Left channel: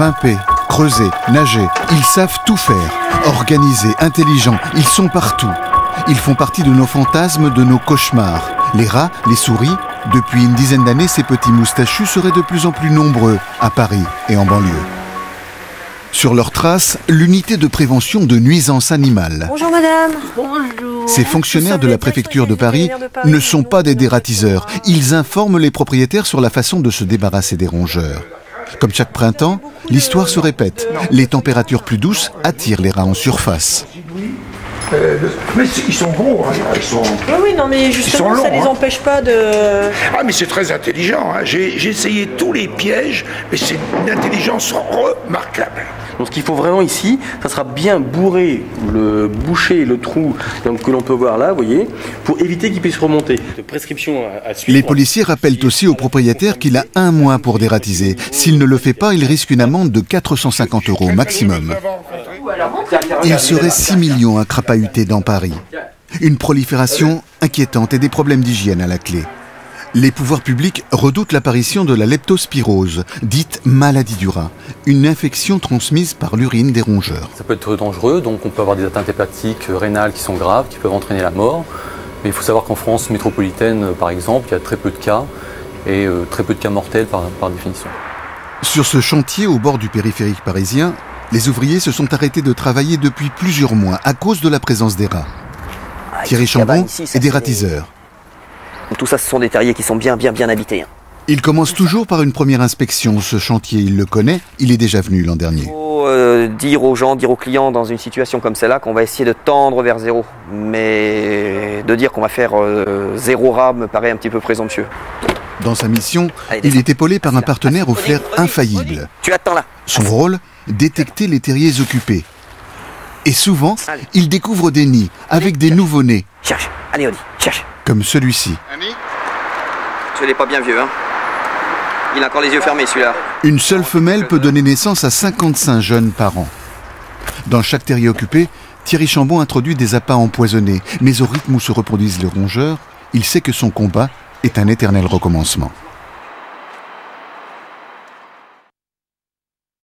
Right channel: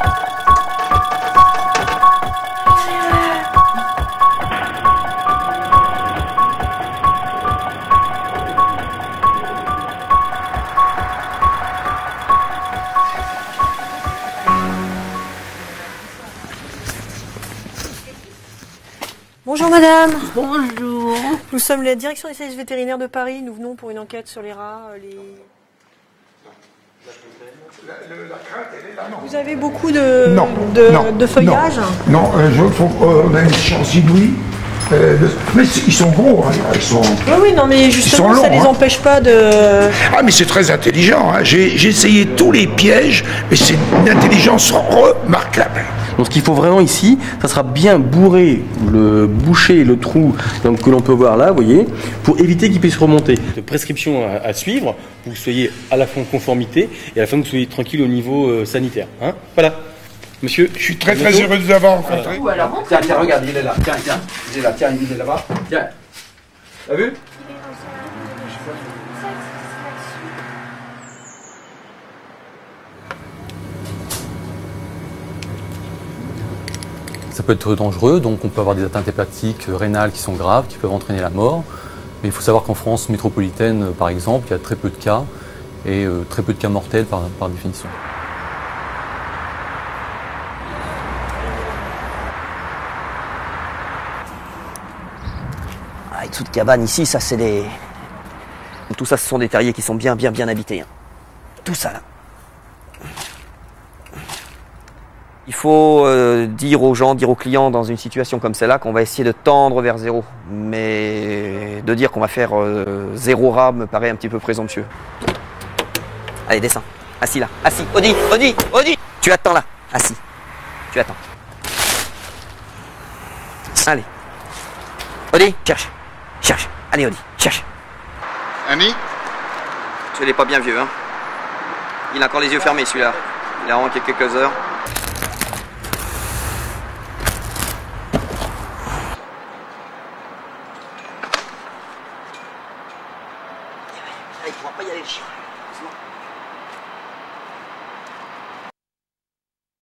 Grimper, creuser, nager, ils savent tout faire. Organisés, intelligents, ils sont partout. Ils font partie de nos fantasmes, de nos cauchemars. Les rats, les souris, depuis une dizaine d'années, ces petits moustachus seraient de plus en plus nombreux à Paris et en banlieue. Sur leurs traces, l'unité de prévention de nuisances animales. Bonjour madame. Bonjour. Ces fonctionnaires de la préfecture de Paris ne sont pas des dératiseurs. Ils informent les propriétaires sur la façon de se débarrasser des rongeurs. Comme chaque printemps, l'histoire se répète. Les températures plus douces attirent les rats en surface. Mais ils sont gros, hein. Ils sont... Oui, non, mais justement, ça ne les empêche pas de... Ah, mais c'est très intelligent, hein. J'ai essayé tous les pièges, mais c'est une intelligence remarquable. Donc ce qu'il faut vraiment ici, ça sera bien boucher le trou que l'on peut voir là, vous voyez, pour éviter qu'il puisse remonter. De prescription à suivre. Les policiers rappellent aussi au propriétaire qu'il a un mois pour dératiser. S'il ne le fait pas, il risque une amende de 450 € maximum. Il serait 6 millions à crapahuter dans Paris. Une prolifération inquiétante et des problèmes d'hygiène à la clé. Les pouvoirs publics redoutent l'apparition de la leptospirose, dite maladie du rat, une infection transmise par l'urine des rongeurs. Ça peut être dangereux, donc on peut avoir des atteintes hépatiques, rénales qui sont graves, qui peuvent entraîner la mort. Mais il faut savoir qu'en France métropolitaine, par exemple, il y a très peu de cas, et très peu de cas mortels par définition. Sur ce chantier au bord du périphérique parisien, les ouvriers se sont arrêtés de travailler depuis plusieurs mois à cause de la présence des rats. Thierry Chambon est dératiseur. Tout ça, ce sont des terriers qui sont bien habités. Il commence toujours par une première inspection. Ce chantier, il le connaît, il est déjà venu l'an dernier. Il faut dire aux gens, dire aux clients dans une situation comme celle-là qu'on va essayer de tendre vers zéro. Mais de dire qu'on va faire 0 rat me paraît un petit peu présomptueux. Dans sa mission, il est épaulé par un partenaire au fer infaillible. Tu attends là. Son rôle, détecter les terriers occupés. Et souvent, il découvre des nids avec des nouveau-nés. Cherche. Allez, Odi, cherche. Comme celui-ci. Annie ? Ce n'est pas bien vieux, hein. Il a encore les yeux fermés, celui-là. Une seule femelle peut donner naissance à 55 jeunes par an. Dans chaque terrier occupé, Thierry Chambon introduit des appâts empoisonnés. Mais au rythme où se reproduisent les rongeurs, il sait que son combat est un éternel recommencement.